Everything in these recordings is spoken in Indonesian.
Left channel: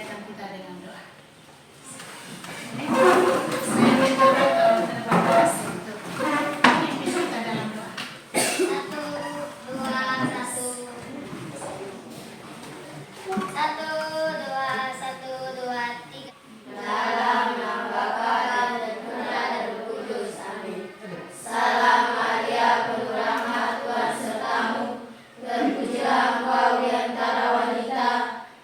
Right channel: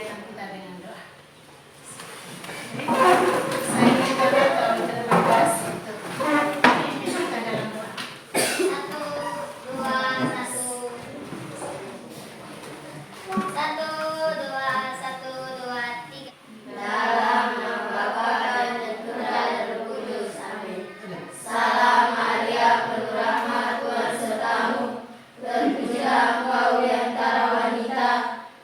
kegiatan kita dengan doa. Saya minta terima kasih untuk pimpin kita dalam doa. 1, 2, 1. 1, 2, 1, 2, 3. Dalam nama Bapa dan Putra dan Roh Kudus. Amin. Salam Maria, penuh rahmat, Tuhan sertamu. Terpujilah engkau di antara wanita,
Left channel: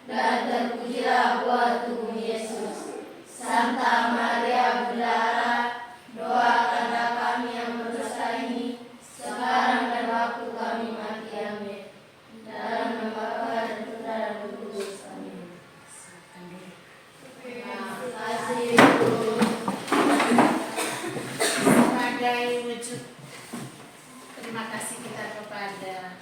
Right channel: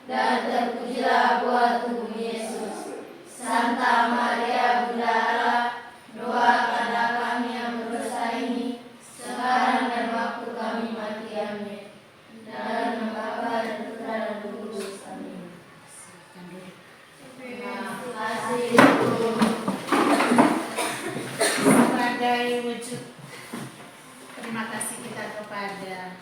dan terpujilah buah tubuh Yesus. Santa Maria Bunda Allah, doakanlah kami yang berdosa ini, sekarang dan waktu kami mati. Amin. Dalam nama Bapa dan Putra dan Roh Kudus. Amin. Terima kasih. Sebagai wujud terima kasih kita kepada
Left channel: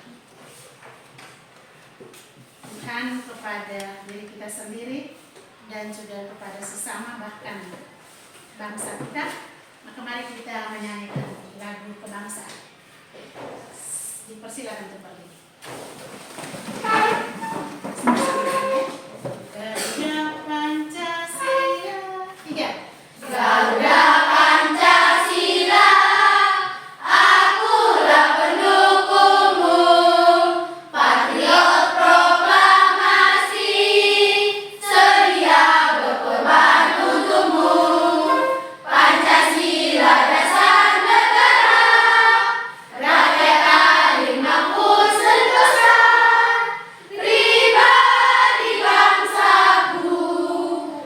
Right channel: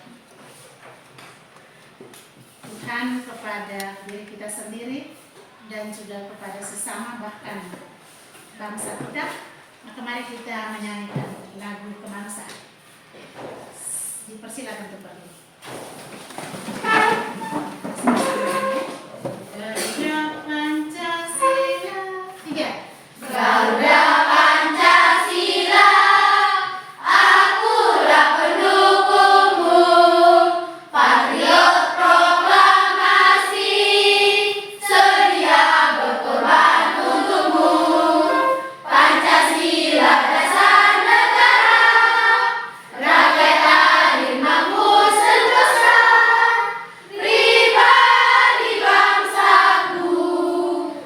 Tuhan, kepada diri kita sendiri, dan juga kepada sesama, bahkan bangsa kita. Maka mari kita menyanyikan lagu kebangsaan. Dipersilakan untuk berdiri. Garuda Pancasila. 3. Garuda Pancasila, akulah pendukungmu, patriot proklamasi, sedia berkorban untukmu. Pancasila dasar negara, rakyat adil makmur sentosa, pribadi bangsaku.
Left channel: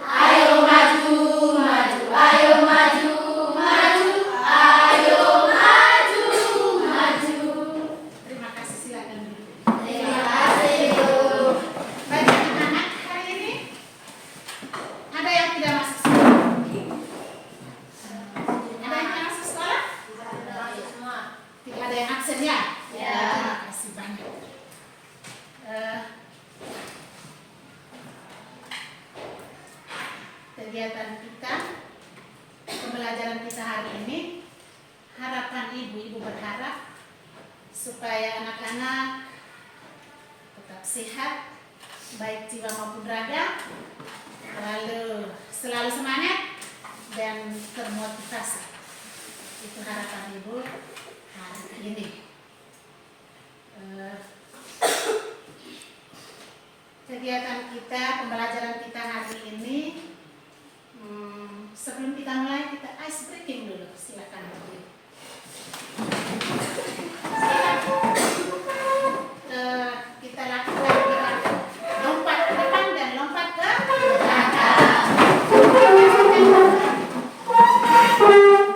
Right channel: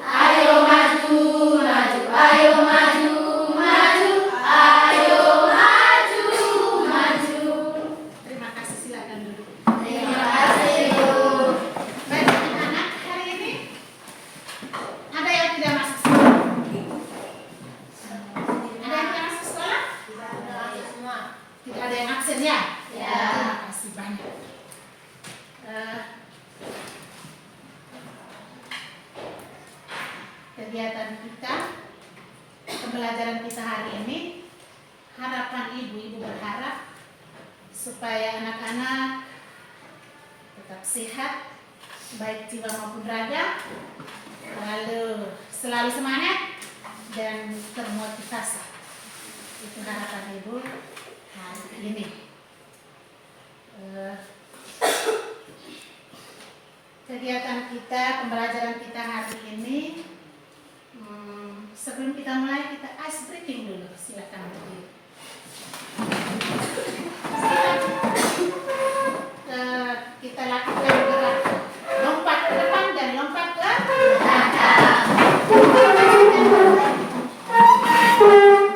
Ayo maju, maju, ayo maju, maju, ayo maju, maju. Terima kasih, silakan duduk. Terima kasih, Bu. Baik anak-anak, hari ini ada yang tidak masuk sekolah? Ada yang tidak masuk sekolah? Semua. Tidak ada yang absen ya? Ya. Terima kasih banyak. Kegiatan kita, pembelajaran kita hari ini, harapan ibu berharap supaya anak-anak tetap sehat, baik jiwa maupun raga, lalu selalu semangat dan termotivasi. Itu harapan ibu hari ini. Kegiatan kita, pembelajaran kita hari ini, sebelum kita mulai, kita ice breaking dulu. Silakan berdiri. Kita lakukan gerak lompat ke depan dan lompat ke belakang.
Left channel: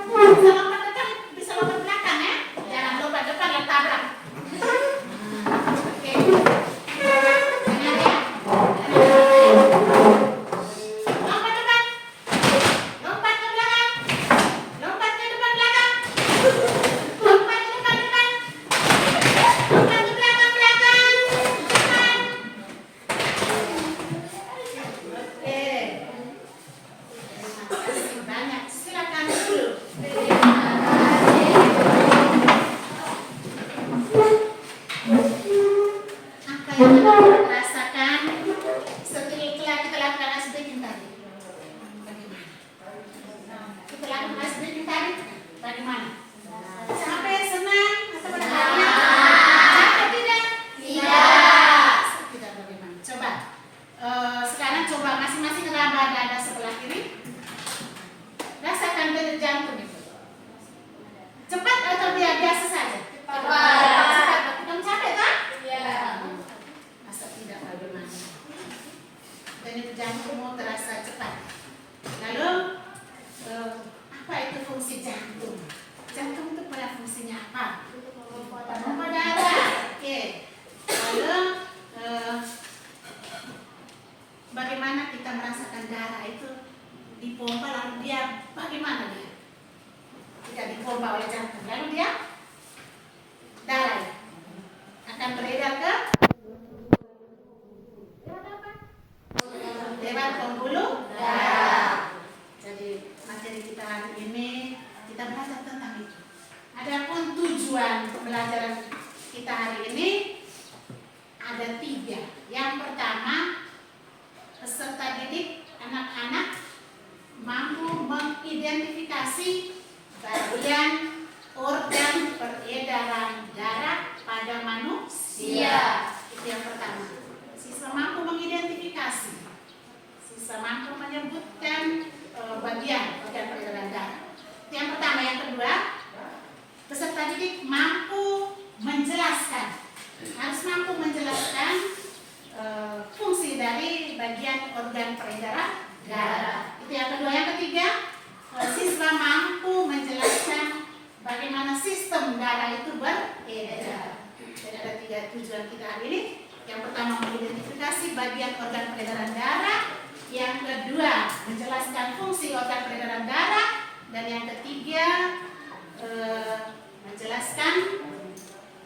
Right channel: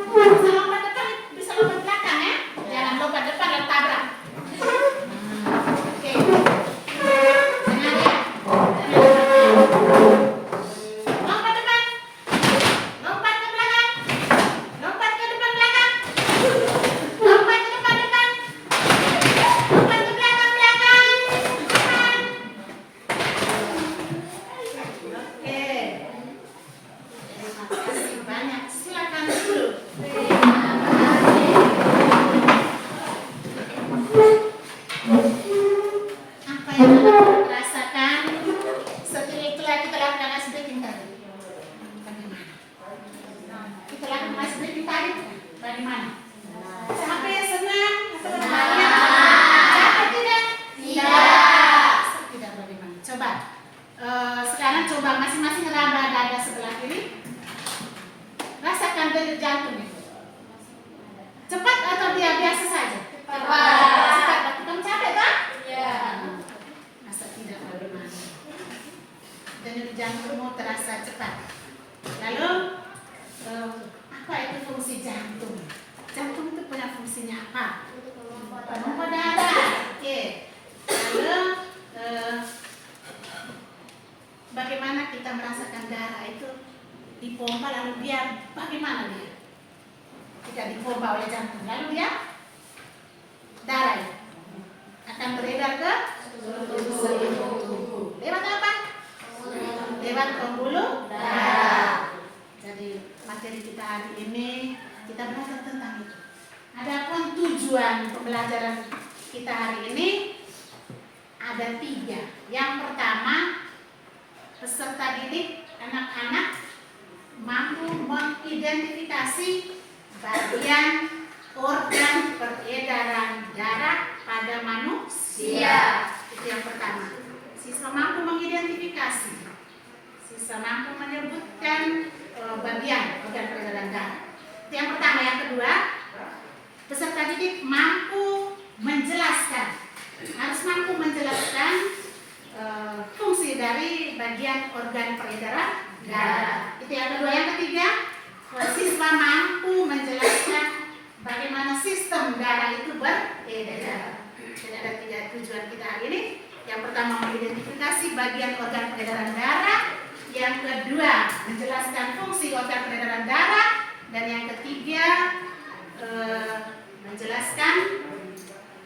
Bisa lompat depan, bisa lompat belakang ya. Jangan lompat depan dan tabrak. Oke. Jangan ya. Lompat depan, lompat ke belakang, lompat ke depan belakang, lompat ke depan depan, lompat ke belakang belakang. Oke. Terima kasih banyak. Silakan dulu. Apa yang anak rasakan setelah kita lakukan ice breaking tadi? Bagaimana? Kita lakukan ice breaking tadi, bagaimana? Sampai senang atau bertanya? Capek tidak? Tidak. Tidak bagaimana? Coba. Sekarang coba masing-masing raba dada sebelah kiri. Rasakan denyut jantung itu. Cepat atau dia biasa saja? Cepat. Tapi kamu capek kan? Iya. Masa tidak bagaimana? Denyut jantungmu terasa cepat. Lalu apa itu fungsi jantung? Jantung itu punya fungsinya apa? Pompa darah. Oke. Lalu bagaimana kita merasakan darah itu dipompa, lalu dia bagaimana dia? Tidak dipompa oleh jantung, lalu dia darah akan beredar ke seluruh tubuh. Lewat apa? Lewat pembuluh darah. Jadi materi kita hari ini kita belajar tentang itu. Adapun tujuan pembelajaran kita hari ini ada 3. Yang pertama, peserta didik anak-anak mampu mengidentifikasi bagian organ peredaran darah pada manusia. Itu yang pertama. Siswa mampu mengidentifikasi. Siswa mampu menyebutkan bagian organ peredaran darah. Itu yang pertama. Yang kedua, peserta didik mampu menjelaskan. Harus mampu menjelaskan fungsi dari bagian organ peredaran darah. Itu yang kedua. Yang ketiga, siswa mampu menjelaskan bagaimana sistem darah itu beredar. Jadi ada 3 tujuan kita hari ini. Yang pertama, mengidentifikasi bagian organ peredaran darah. Yang kedua, menjelaskan fungsi organ peredaran darah. Dan yang ketiga, menjelaskan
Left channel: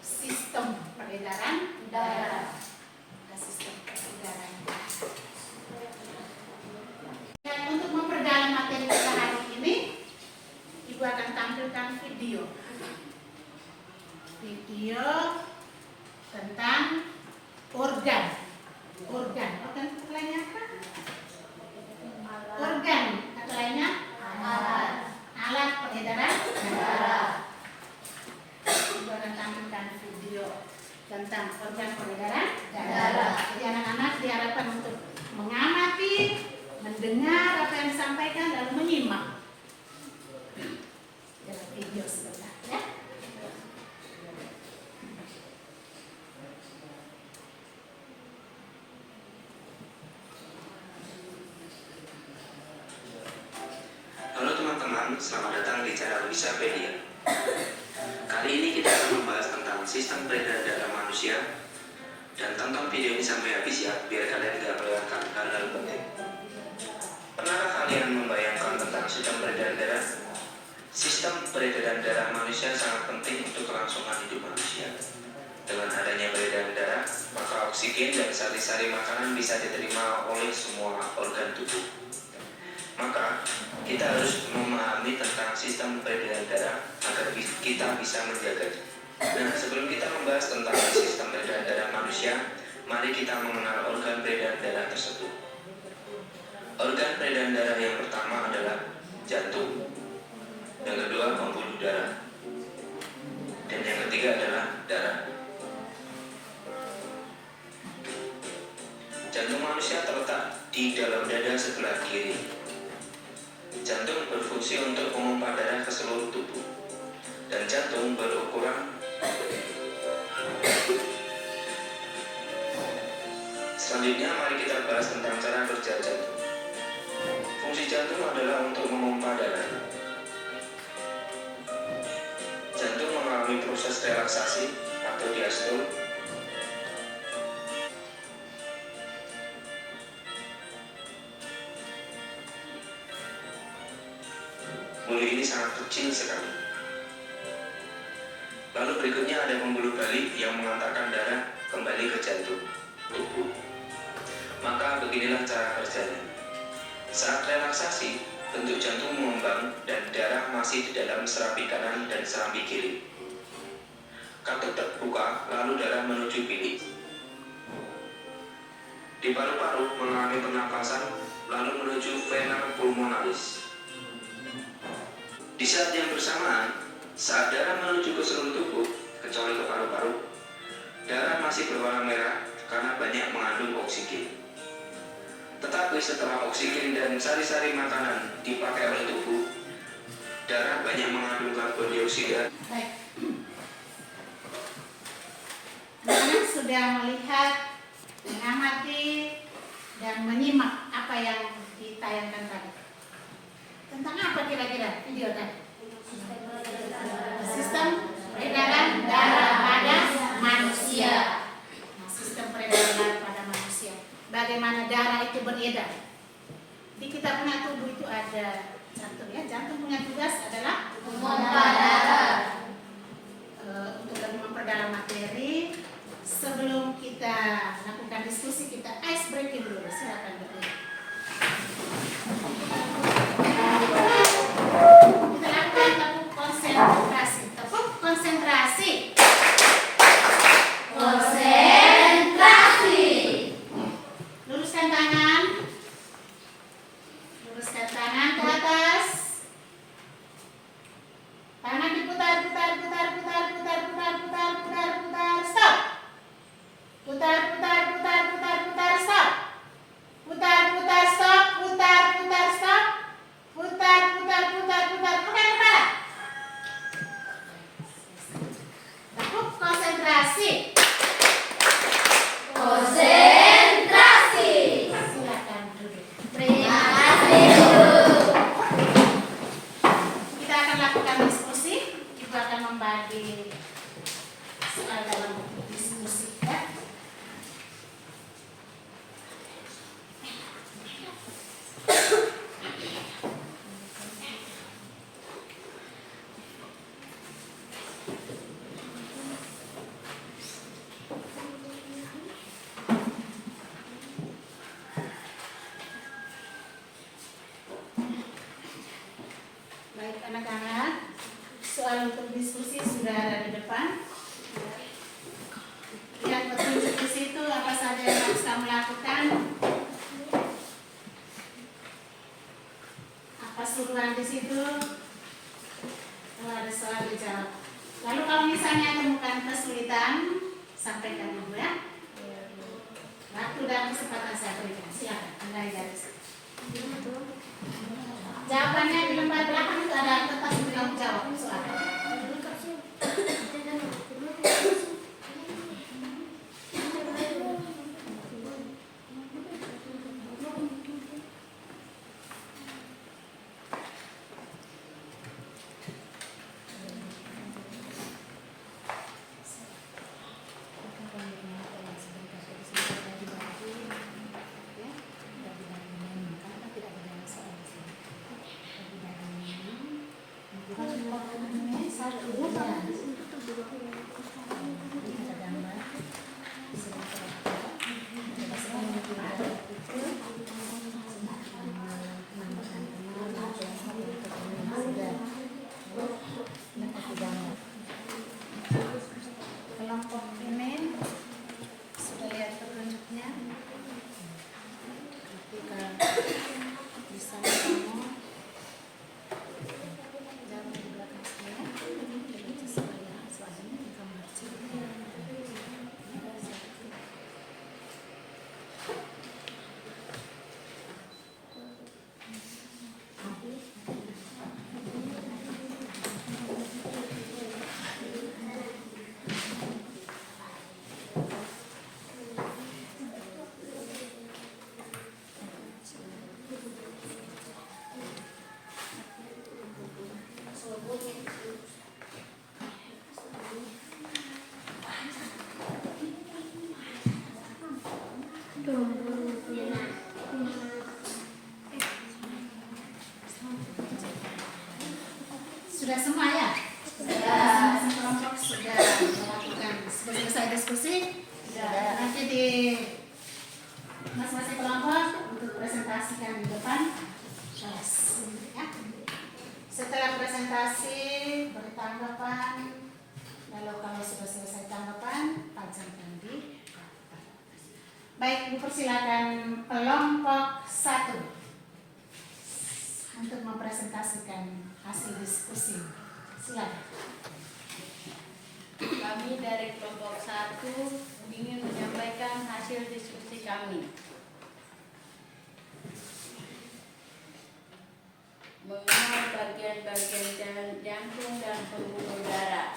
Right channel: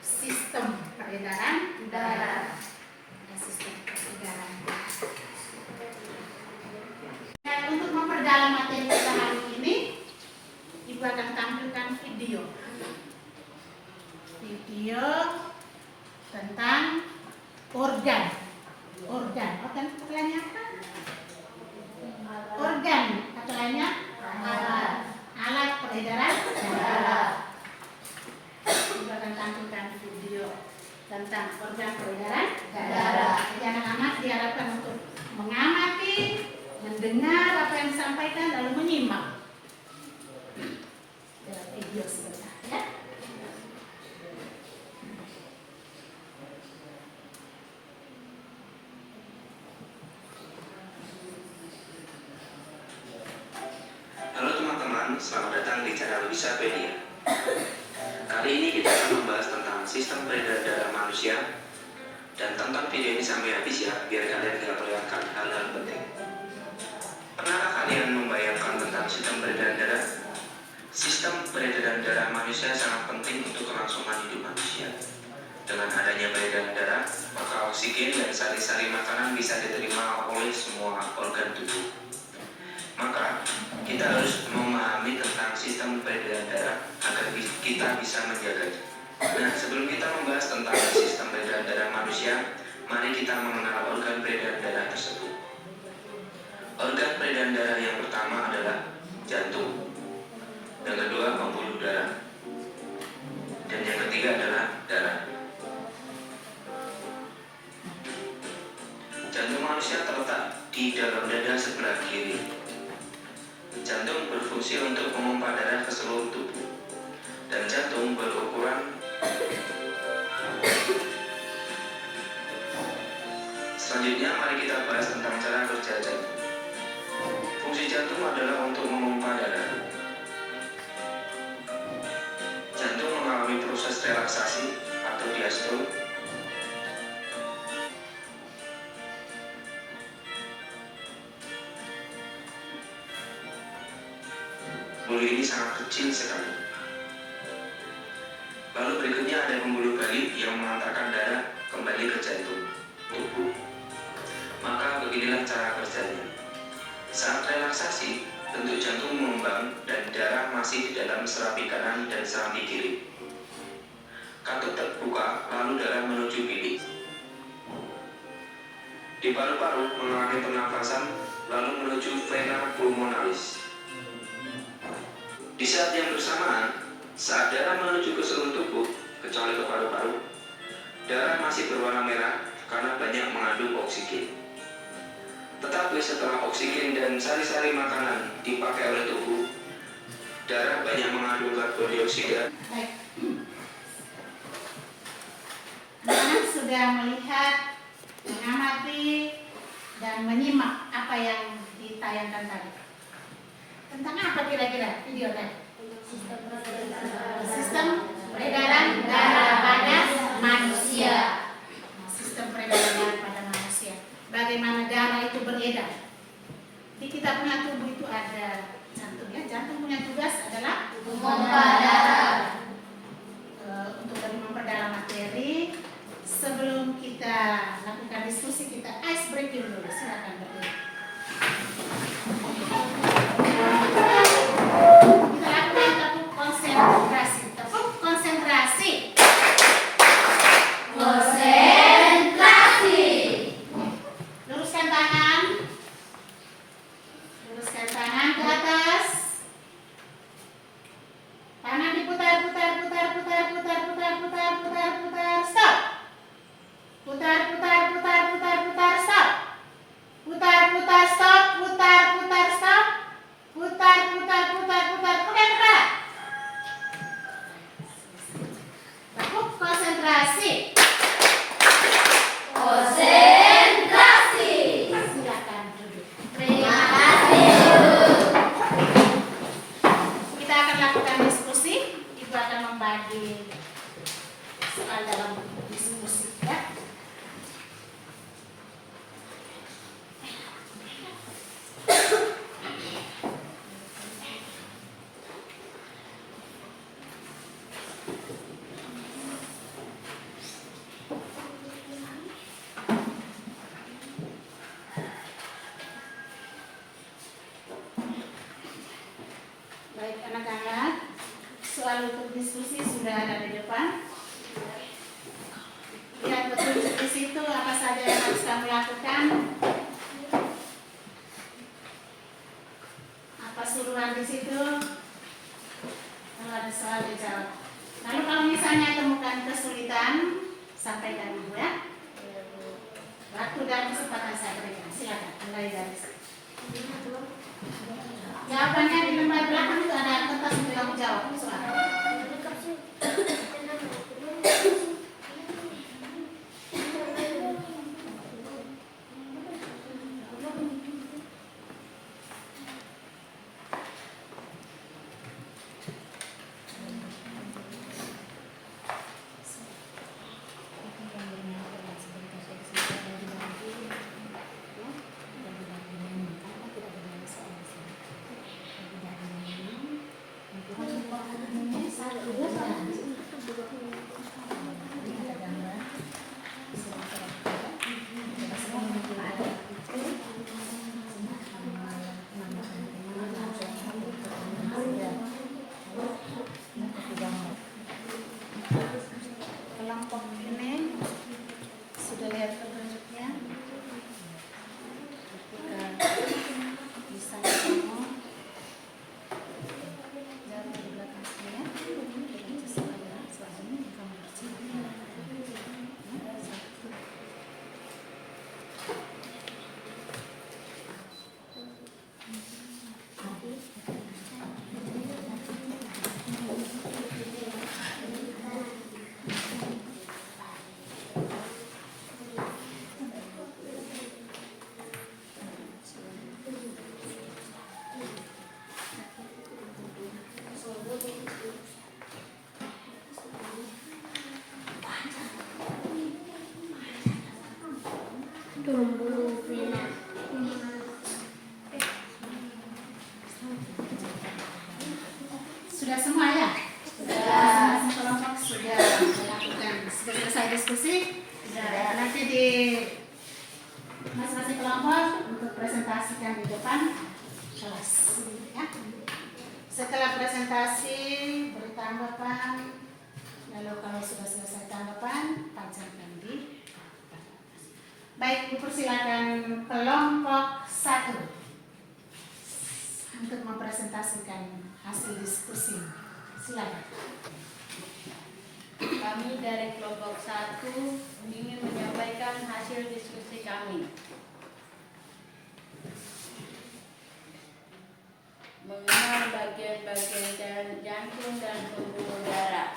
sistem peredaran darah. Sistem peredaran darah. Dan untuk memperdalam materi kita hari ini, Ibu akan tampilkan video tentang organ kata lainnya apa? Organ kata lainnya alat peredaran darah. Ibu akan tampilkan video tentang organ peredaran darah. Jadi anak-anak diharapkan untuk mengamati, mendengar apa yang disampaikan, lalu menyimak dalam video sebentar, ya. Halo teman-teman, selamat datang di channel Wisapedia. Kali ini kita akan membahas tentang sistem peredaran darah manusia. Dan tonton video ini sampai habis ya, biar kalian tidak melewatkan hal-hal penting. Pernahkah kalian membayangkan tentang sistem peredaran darah? Sistem peredaran darah manusia sangat penting untuk kelangsungan hidup manusia. Dengan adanya peredaran darah, maka oksigen dan sari-sari makanan bisa diterima oleh semua organ tubuh. Maka, kita harus memahami tentang sistem peredaran darah agar kita bisa menjaganya. Nah, sebelum kita membahas tentang sistem peredaran darah manusia, mari kita mengenal organ peredaran darah tersebut. Organ peredaran darah yang pertama adalah jantung, yang kedua pembuluh darah, dan yang ketiga adalah darah. Jantung manusia terletak di dalam dada sebelah kiri. Jantung berfungsi untuk memompa darah ke seluruh tubuh, dan jantung berukuran. Selanjutnya mari kita bahas tentang cara kerja jantung. Fungsi jantung adalah untuk memompa darah. Jantung mengalami proses relaksasi atau diastole. Pembuluh ini sangat kecil sekali. Lalu berikutnya ada pembuluh balik yang mengantarkan darah kembali ke jantung tubuh. Maka beginilah cara kerjanya. Saat relaksasi, bentuk jantung mengembang dan darah masih di dalam serapi kanan dan serapi kiri. Katup terbuka, lalu darah menuju bilik. Di paru-paru mengalami pernapasan, lalu menuju vena pulmonalis. Di saat yang bersamaan, saat darah menuju ke seluruh tubuh, kecuali ke paru-paru, darah masih berwarna merah karena banyak mengandung oksigen. Tetapi setelah oksigen dan sari-sari makanan dipakai oleh tubuh, darah banyak mengandung karbon dioksida. Baik. Anak-anak sudah melihat, mengamati, dan menyimak apa yang ditayangkan tadi. Tentang apa kira-kira video tadi? Sistem peredaran darah pada manusia. Sistem peredaran darah pada manusia. Bagaimana darah itu beredar? Di kita punya tubuh itu ada jantung ya. Jantung punya tugas adalah memompa darah. Untuk lebih memperdalam materi, sebelum kita lakukan diskusi, kita ice breaking dulu. Silakan berdiri. Kita lakukan tepuk konsentrasi. Tepuk konsentrasi. Konsentrasi. Luruskan tangan. stop. Putar, stop. Putar, stop. Putar. Pakai kepala. Cukup konsentrasi. Konsentrasi. Silakan duduk. Terima kasih. Kita akan lakukan diskusi. Ibu akan membagi soal dalam diskusi ya. Baik anak-anak, soal untuk diskusi sudah ada di depan. Lihat petunjuk di situ apa saja yang harus kamu lakukan. Apa suruhan di situ? Kalau ada soal dijawab. Lalu kalau misalnya temukan kesulitan, sampaikan dulu ya. Waktu dan kesempatan saya berikan. Silakan mulai dari situ. Jawabannya di lembar belakang itu ada kertas untuk kamu jawab soal. Kelompok ini sudah lihat petunjuknya. Ketika bisa kamu jauh di belakang saya, baca soalnya, soalnya kamu harus Sudah semua ya? Masing-masing kelompok sudah melakukan. Sudah selesai diskusi? Sudah. Nanti di masing-masing kelompok untuk presentasikan di depan kelas. Ya. Setelah presentasi, beri tanggapan. Lalu kalau sudah selesai tanggapan, tajamkan di papan. Baik, dipersilakan kelompok 1 untuk mempresentasikan hasil diskusi. Silakan. Kami dari kelompok 1 ingin menyampaikan hasil diskusi kami mengenal bagian-bagian jantung dan pembuluh darah.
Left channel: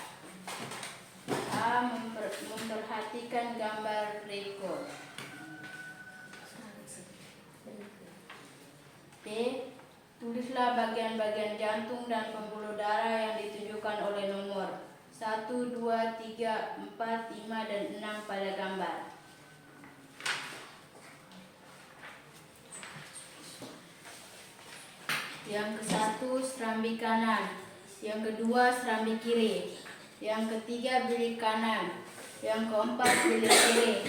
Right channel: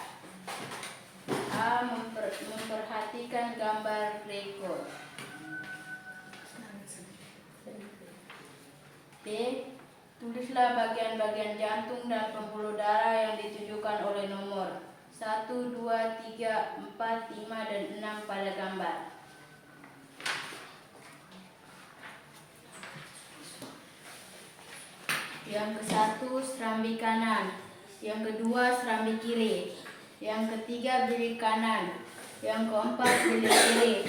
A. Memperhatikan gambar berikut. B. Tulislah bagian-bagian jantung dan pembuluh darah yang ditunjukkan oleh nomor 1, 2, 3, 4, 5, dan 6 pada gambar. Yang ke-1 serambi kanan, yang kedua serambi kiri, yang ketiga bilik kanan, yang keempat bilik kiri,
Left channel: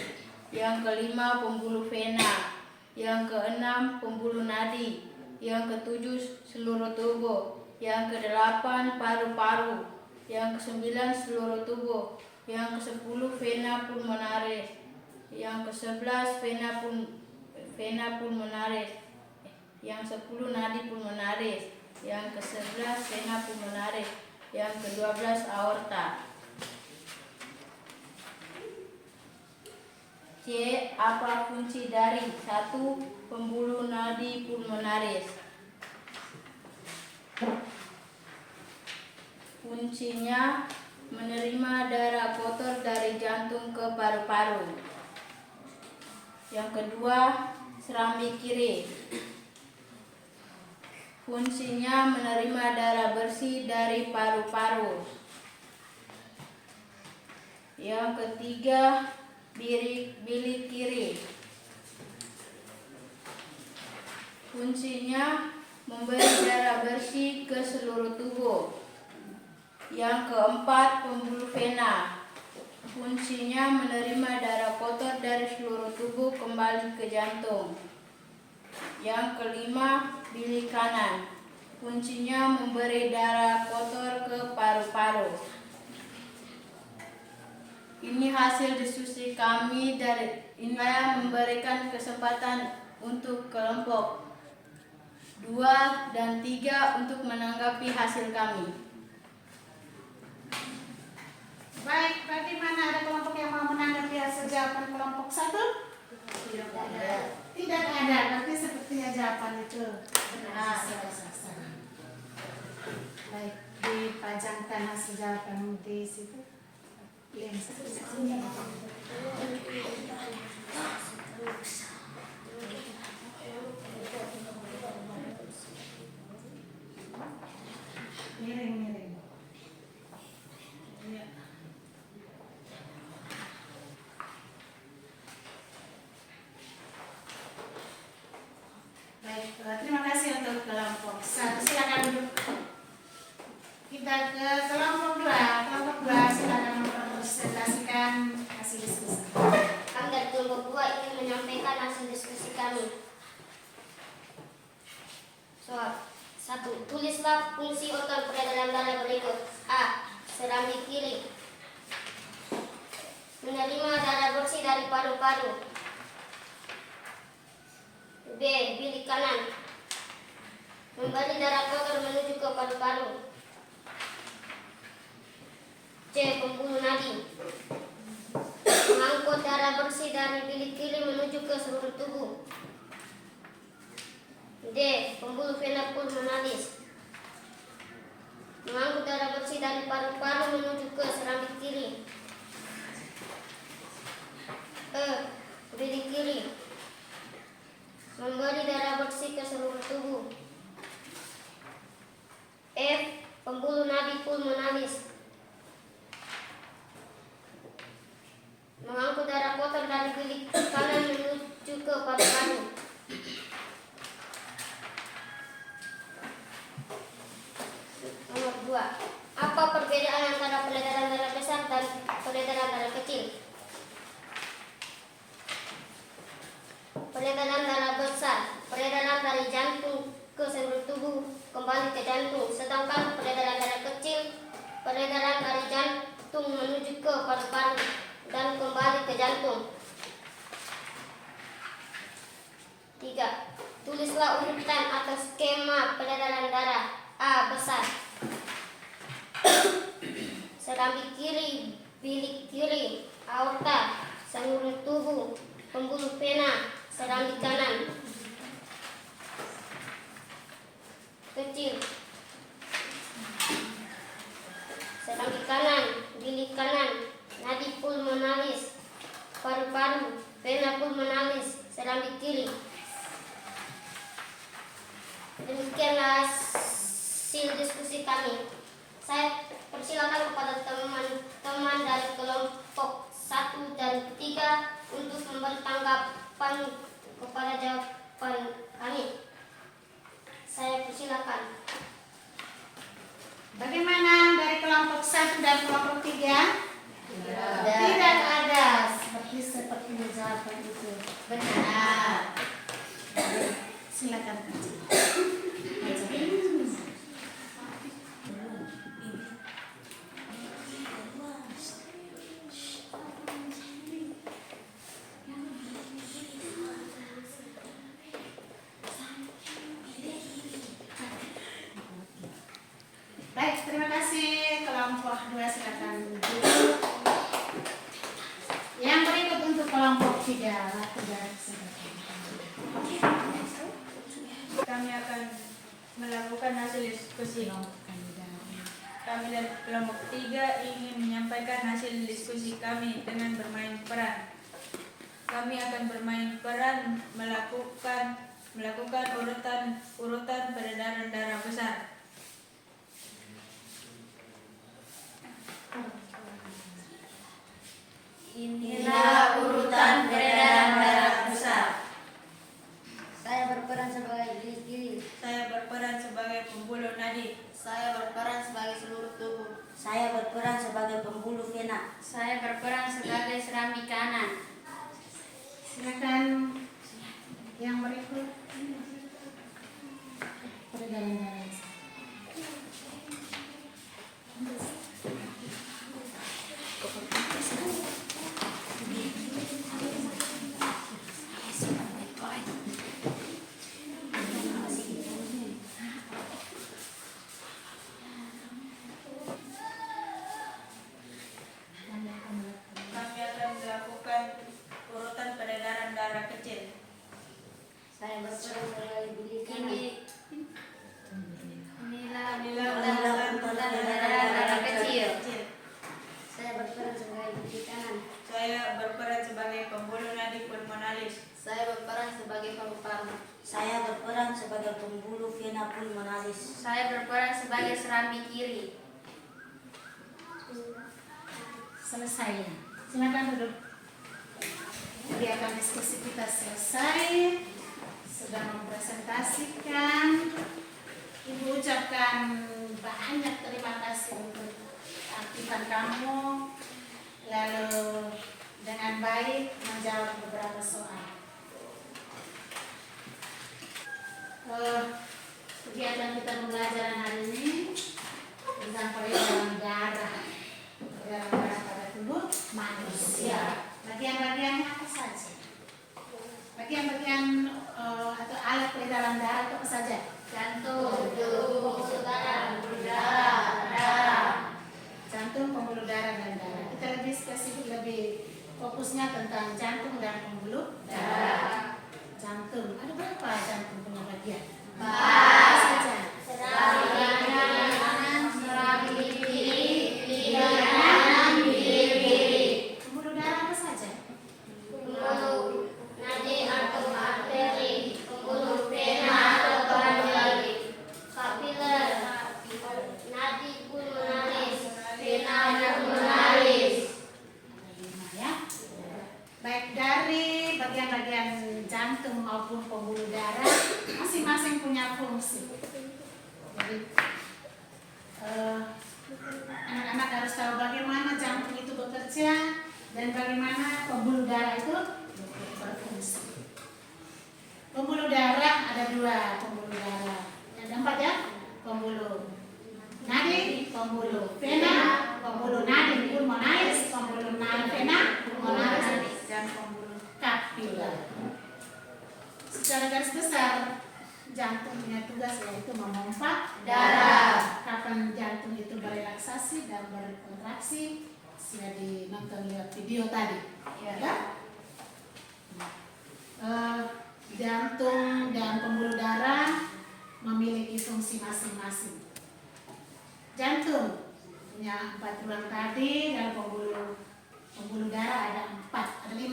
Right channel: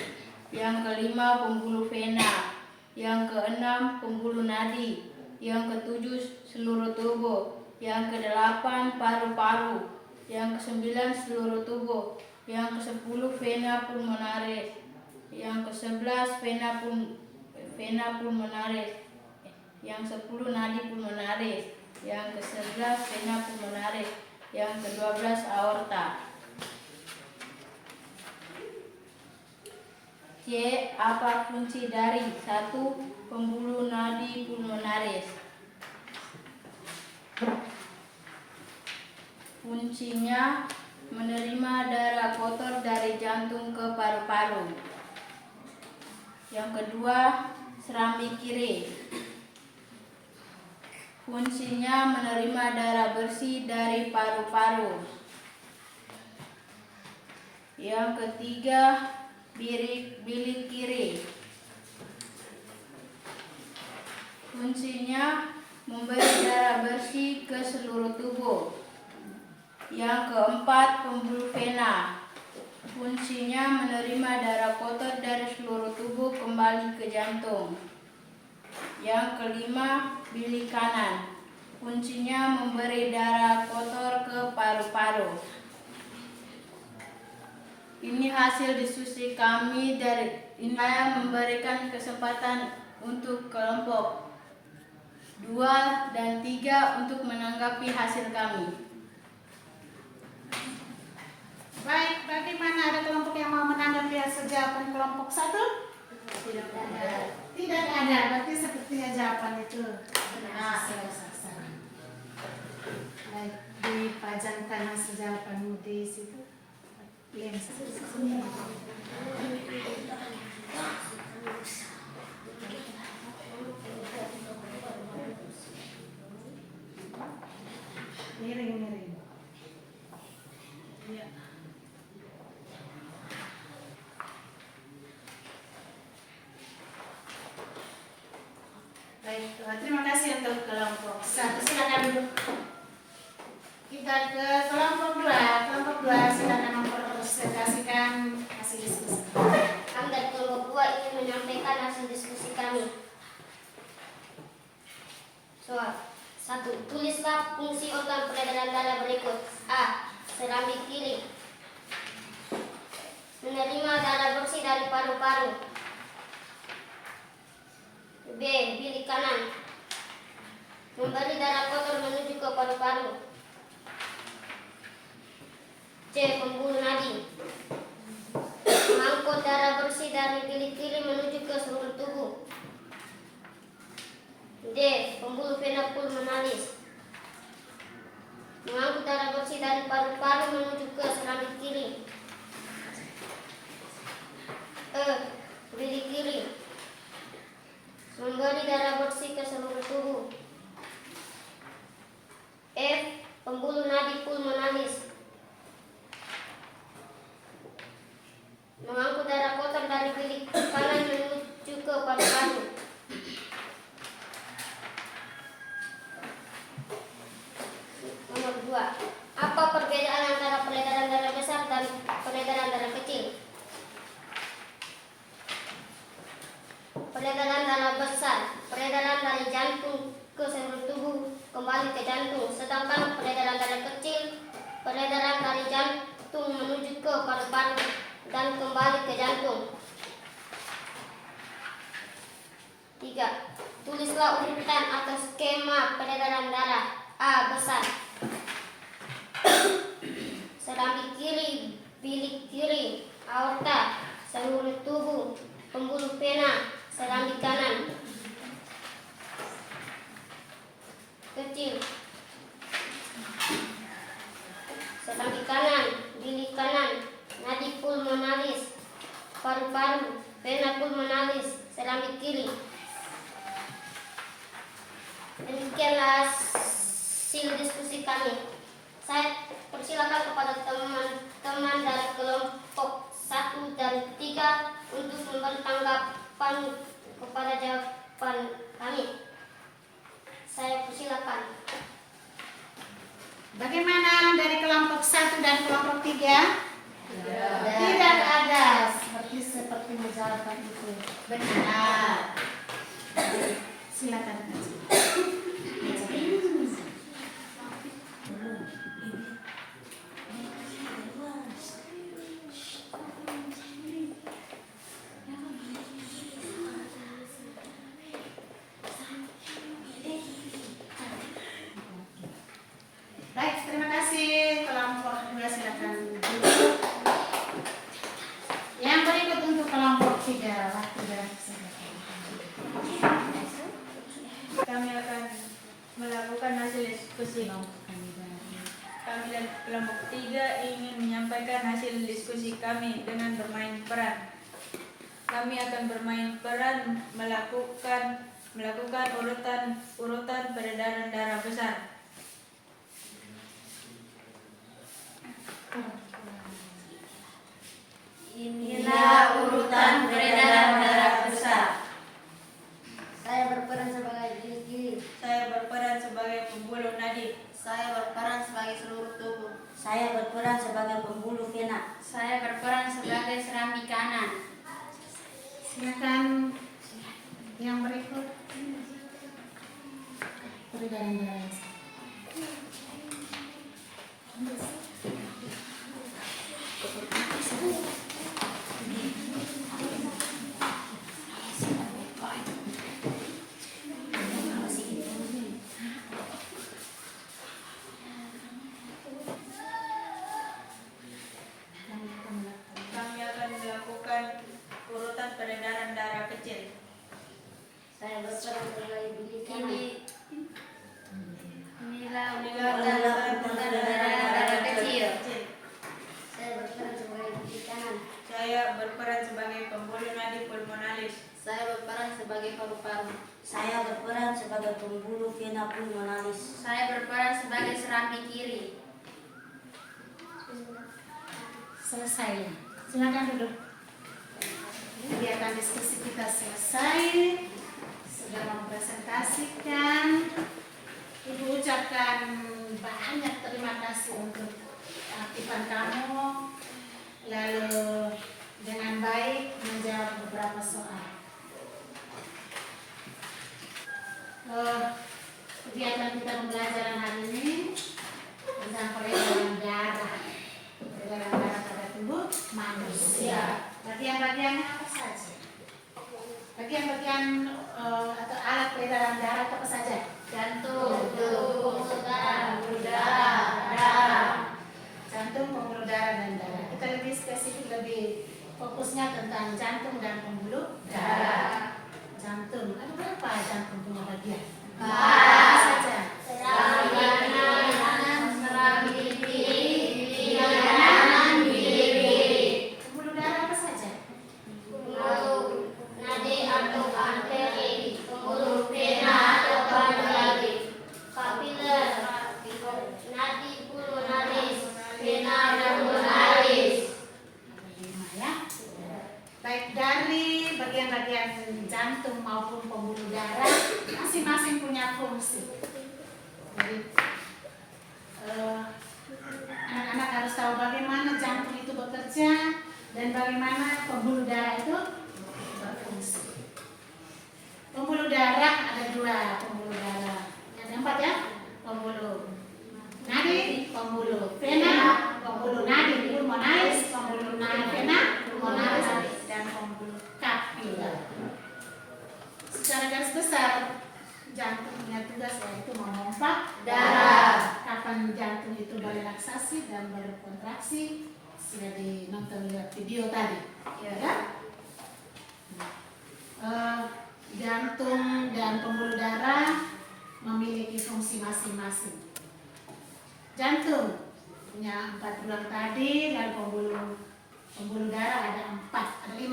yang kelima pembuluh vena, yang keenam pembuluh nadi, yang ketujuh seluruh tubuh, yang kedelapan paru-paru, yang kesembilan seluruh tubuh, yang ke-10 vena pulmonaris, yang ke-11 vena pulmonaris, yang 10 nadi pulmonaris, yang ke-11 vena pulmonaris, yang ke-12 aorta. C. Apa kunci dari 1. Pembuluh nadi pulmonaris? Kuncinya menerima darah kotor dari jantung ke paru-paru. Yang kedua, serambi kiri. Fungsinya menerima darah bersih dari paru-paru. Yang ketiga, bilik kiri. Fungsinya memberi darah bersih ke seluruh tubuh. Yang keempat, pembuluh vena. Fungsinya menerima darah kotor dari seluruh tubuh kembali ke jantung. Yang kelima, bilik kanan. Fungsinya memberi darah kotor ke paru-paru. Ini hasil diskusi kami dari saya memberikan kesempatan untuk kelompok 2 dan 3 untuk menanggapi hasil kami. Baik, bagaimana, ada kelompok yang mau menanggapi hasil jawaban kelompok 1? Tidak ada, berarti sepertinya jawaban itu benar. Baik, dipajangkan hasil jawaban di situ. Miring. Ya. Baik, terima kasih untuk kelompok 1. Silakan duduk. Kita ke kelompok 2. Kelompok 2 silakan mempresentasikan hasil diskusi. Kami dari kelompok 2 ingin menyampaikan hasil diskusi kami. Soal 1. Tulislah fungsi organ peredaran darah berikut. A. Serambi kiri, menerima darah bersih dari paru-paru. B. Bilik kanan, memberi darah kotor menuju ke paru-paru. C. Pembuluh nadi, mengangkut darah bersih dari bilik kiri menuju ke seluruh tubuh. D. Pembuluh vena pulmonalis, mengangkut darah bersih dari paru-paru menuju ke serambi kiri. E. Bilik kiri, memberi darah bersih ke seluruh tubuh. F. Pembuluh nadi pulmonalis, mengangkut darah kotor dari bilik kanan menuju ke paru-paru. Nomor 2. Apa perbedaan antara peredaran darah besar dan peredaran darah kecil? Peredaran darah besar, peredaran dari jantung ke seluruh tubuh kembali ke jantung, sedangkan peredaran darah kecil, peredaran dari jantung menuju ke paru-paru dan kembali ke jantung. 3. Tulislah urutan atas skema peredaran darah. A. Besar, serambi kiri, bilik kiri, aorta, seluruh tubuh, pembuluh vena, serambi kanan. Kecil, serambi kanan, bilik kanan, nadi pulmonalis, paru-paru, vena pulmonalis, serambi kiri. Demikianlah hasil diskusi kami. Saya persilakan kepada teman-teman dari kelompok 1 dan 3 untuk memberi tanggapan kepada jawaban kami. Saya persilakan. Bagaimana dari kelompok 1 dan kelompok 3? Tidak ada. Seperti jawaban itu benar. Silakan. Baik, terima kasih. Kelompok 2 silakan duduk. Yang berikut untuk kelompok 3. diskusi. Kami dari kelompok 3 ingin menyampaikan hasil diskusi kami dengan bermain peran. Kami akan bermain peran melakukan urutan peredaran darah besar. Inilah urutan peredaran darah besar. Saya berperan sebagai diri. Saya berperan sebagai pembuluh nadi. Saya berperan sebagai seluruh tubuh. Saya berperan sebagai pembuluh vena. Saya berperan sebagai serambi kanan. Silakan yang berikut. Peredaran darah. Kami akan melakukan urutan peredaran darah kecil. Saya berperan sebagai bilik Inilah Inilah urutan peredaran darah kecil. Saya berperan sebagai bilik kanan. Saya berperan sebagai pembuluh nadi pulmonalis. Saya berperan sebagai paru-paru. Saya berperan sebagai pembuluh vena pulmonalis. Saya berperan sebagai serambi kiri. Selesai. Silakan duduk. Kegiatan diskusi kita selesai. Sudah mempresentasikan. Ibu ucapkan banyak terima kasih untuk aktifan kamu. Lalu dengan baik menjawab beberapa soal. Kegiatan kita pembelajaran hari ini tentang peredaran darah. Peredaran darah pada tubuh manusia. Bagian-bagiannya apa saja? Bagian-bagian atau alat peredaran darah itu apa saja? Jantung, pembuluh darah, darah. Jantung, pembuluh darah, dan darah. Kita lebih spesifik, lebih fokusnya tentang jantung dan pembuluh darah. Jantung, ada berapa jantung punya bagian? Apa saja? Serambi kanan, serambi kiri, kanan, kiri. Pembuluh darah apa saja? Pembuluh nadi atau arteri, pembuluh vena atau paru-paru, kapiler, nadi pulmonalis, vena pulmonalis. Lima ya. Baik, dari bagian-bagian jantung maupun pembuluh darah masing-masing punya fungsi. Jadi anak-anak harus tahu bagaimana jantung itu bekerja dan bagaimana pembuluh darah itu berfungsi. Pembuluh darah ada 2 pembuluh darah. Ada 4 ya. Pembuluh nadi, pembuluh vena, pembuluh nadi pulmonalis, pembuluh nadi vena pulmonalis, dan pembuluh kapiler. Secara garis besar, jantung punya tugas yaitu memompa darah. Kapan jantung itu berelaksasi dan berkontraksi, sudah nonton lihat video tadi, ya kan? Jantung dan pembuluh darah memiliki fungsi masing-masing. Jantung punya 4 ruang tadi dan pembuluh darah ada 4, ada 5.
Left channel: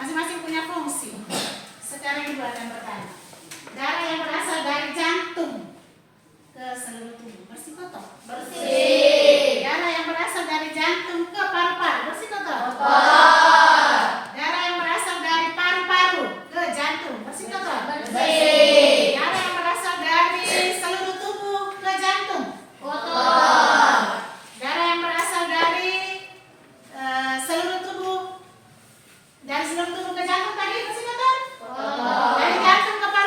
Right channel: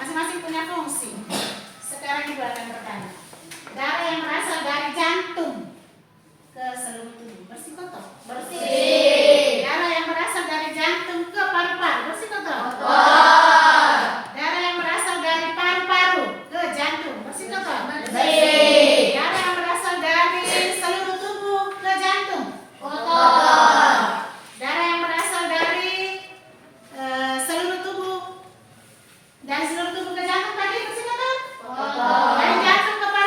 Masing-masing punya fungsi. Sekarang Ibu akan bertanya. Darah yang berasal dari jantung ke seluruh tubuh bersih kotor? Bersih. Darah yang berasal dari jantung ke paru-paru bersih kotor? Kotor. Darah yang berasal dari paru-paru ke jantung bersih kotor? Bersih. Darah yang berasal dari seluruh tubuh ke jantung? Kotor. Darah yang berasal dari seluruh tubuh ke jantung tadi bersih kotor? Kotor. Dari jantung ke paru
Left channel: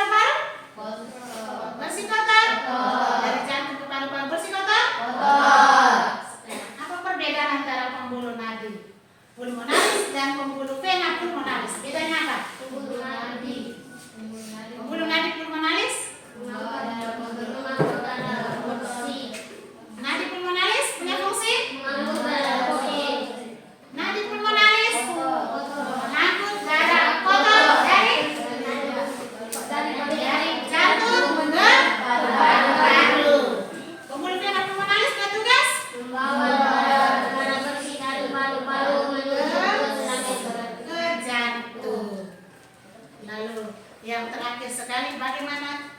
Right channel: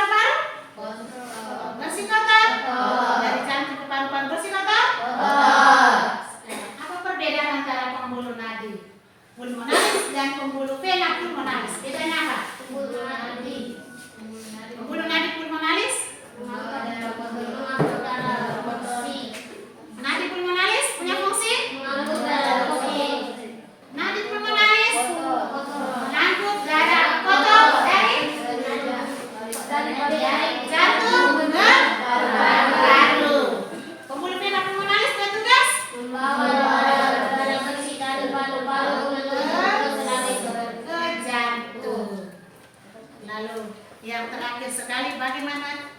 Lalu yang terakhir sekali, bagaimana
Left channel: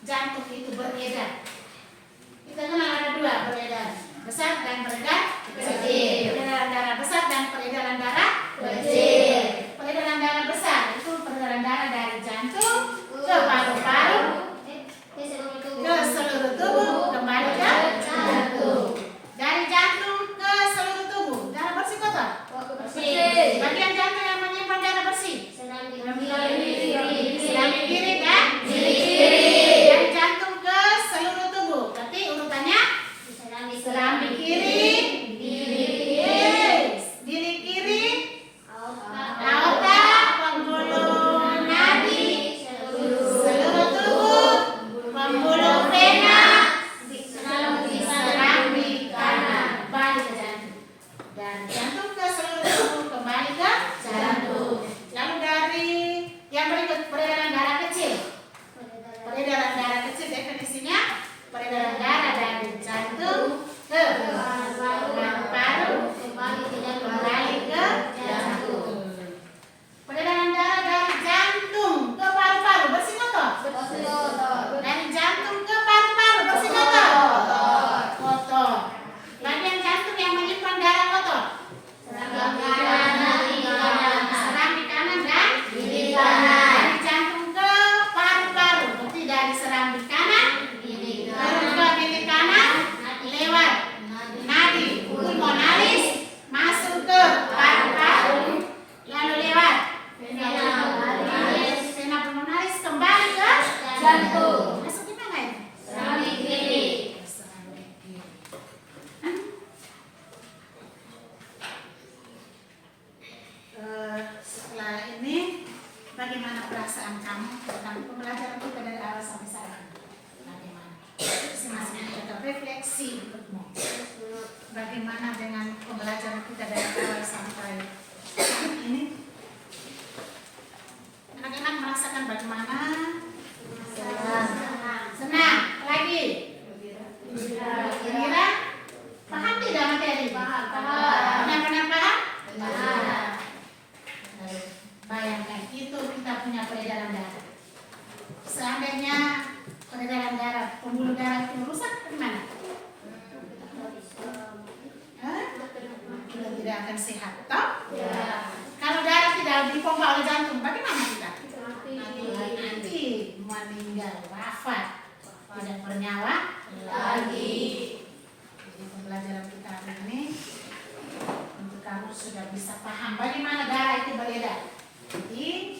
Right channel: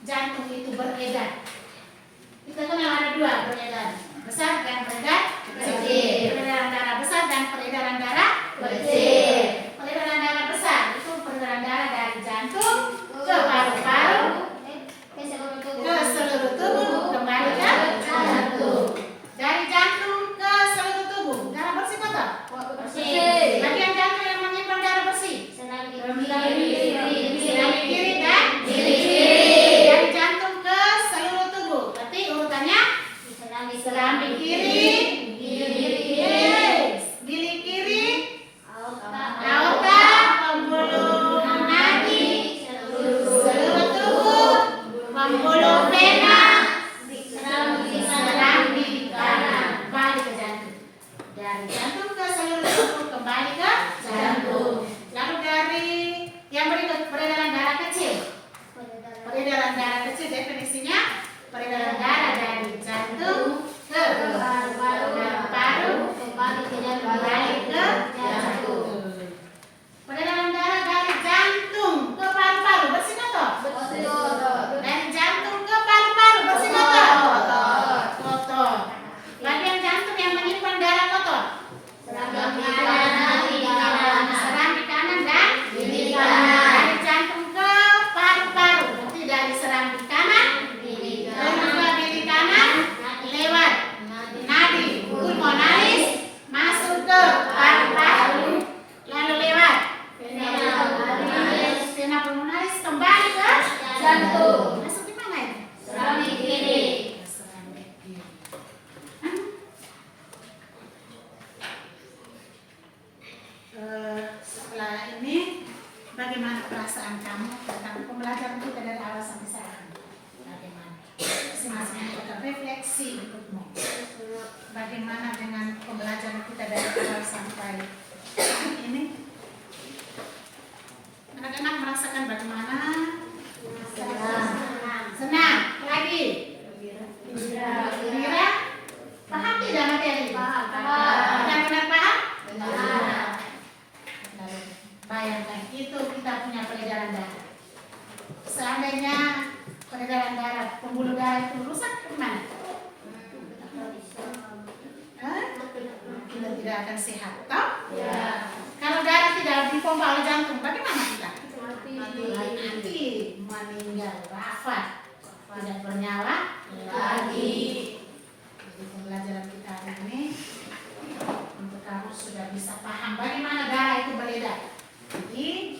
jantung itu beredar. Kita kenal ada dua beredar, besar dan beredar kecil. Peredaran darah besar dan peredaran darah kecil. Peredaran darah besar itu peredaran darah dari jantung ke paru-paru ke seluruh tubuh kembali ke jantung. Dari jantung ke seluruh tubuh, darah bersih kotor. Bagian jantung yang menyimpan darah bersih, seramik kiri dan dari jantung ke seluruh tubuh. Berarti urutannya seramik kiri, bilik kiri, aorta, pembuluh nadi, seluruh tubuh, pembuluh vena, seramik kanan, balik ke jantung. Dari jantung ke seluruh tubuh kembali ke jantung. Lalu dari yang berikut, peredaran darah kecil. Peredaran darah kecil definisinya peredaran darah dari jantung ke paru-paru kembali ke jantung. Peredaran darah dari jantung ke paru-paru bersih kotor. Dari jantung ke paru-paru bersih kotor. Kotor. Bagian jantung yang menyimpan darah kotor. Seramik kanan dan kiri kanan. Dari jantung ke paru-paru, berarti dari seramik kanan turun ke bilik kanan lewat nadi pulmonalis masuk ke paru-paru, lalu lewat vena pulmonalis kembali ke jantung. Masuk di mana itu? Seramik kiri. Seramik kiri. Setelah ini, bagaimana perasaan kamu tentang pembelajaran kita dari awal sampai sekarang? Bagaimana? Masing-masing tetap refleksi untukmu. Bagaimana dengan pembelajaran kita dari awal sampai saat ini? Anak-anak merasakan bagaimana? Senang. Lagi? Gembira? Paham tidak materi? Paham. Benar-benar paham? Lalu bayangkan itu kita punya peredaran darah. Seandainya peredaran darah, pembuluh darah itu rusak, gimana? Kita tidak akan sehat, toh? Ya. Kalau darah tidak dipompa oleh jantung, bagaimana kita? Mati, meninggal, wafat, tidak bernyawa lagi. Jadi pembelajaran kita hari ini untuk kamu sudah bisa paham bagaimana darah itu beredar di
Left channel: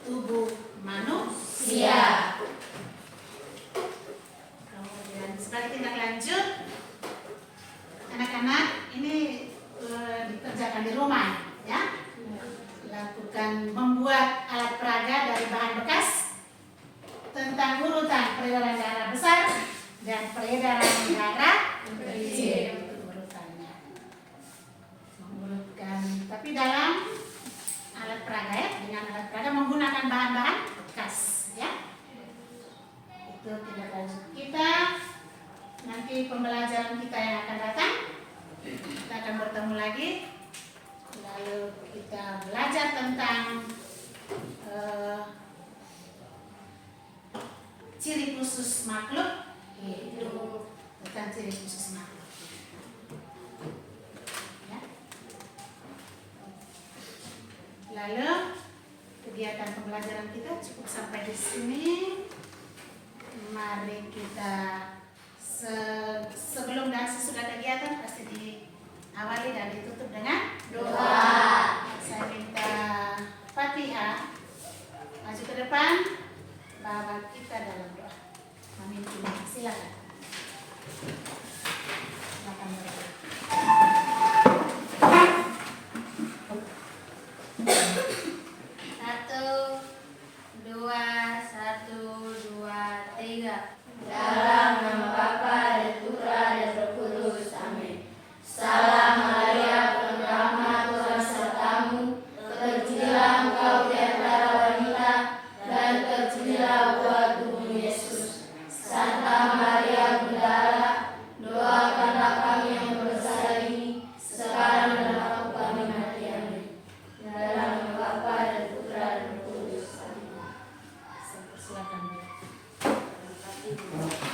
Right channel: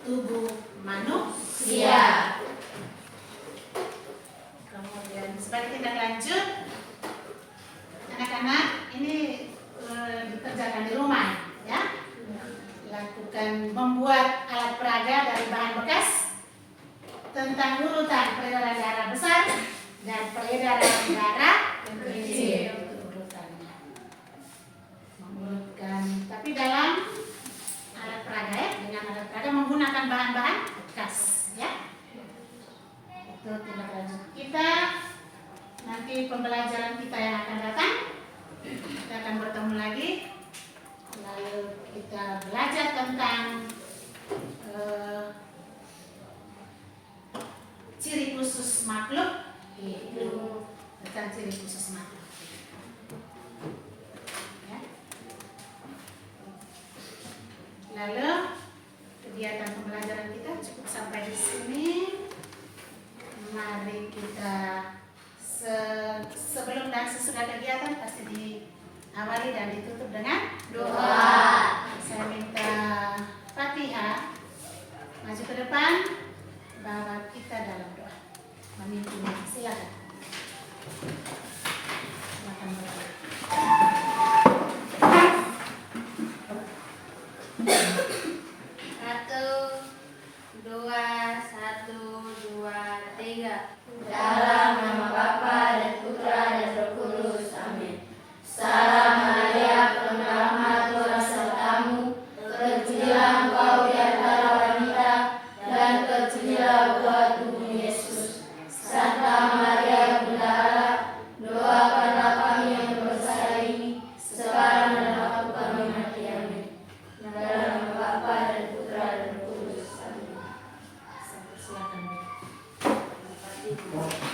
tubuh manusia. Kemudian sebagai tindak lanjut, anak-anak ini dikerjakan di rumah, ya. Lakukan membuat alat peraga dari bahan bekas tentang urutan peredaran darah besar dan peredaran darah kecil. Itu urutannya. Mengurutkan, tapi dalam alat peraga, ya, dengan alat peraga menggunakan bahan-bahan bekas, ya. Itu tindak lanjut kita. Nanti pembelajaran kita yang akan datang, kita akan bertemu lagi. Lalu kita belajar tentang ciri khusus makhluk hidup, tentang ciri khusus makhluk. Ya. Lalu kegiatan pembelajaran kita cukup sampai di sini. Mari kita sebelum dan sesudah kegiatan pasti diawali dan ditutup dengan Doa. Saya minta Fatihah maju ke depan, Bapak kita dalam doa memimpin. Silakan. Silakan berdoa. Satu, dua, tiga. Dalam nama Bapa dan Putra dan Roh Kudus. Amin. Salam Maria, penuh rahmat, Tuhan sertamu. Terpujilah engkau di antara wanita, dan Silakan. Bu. Terima kasih.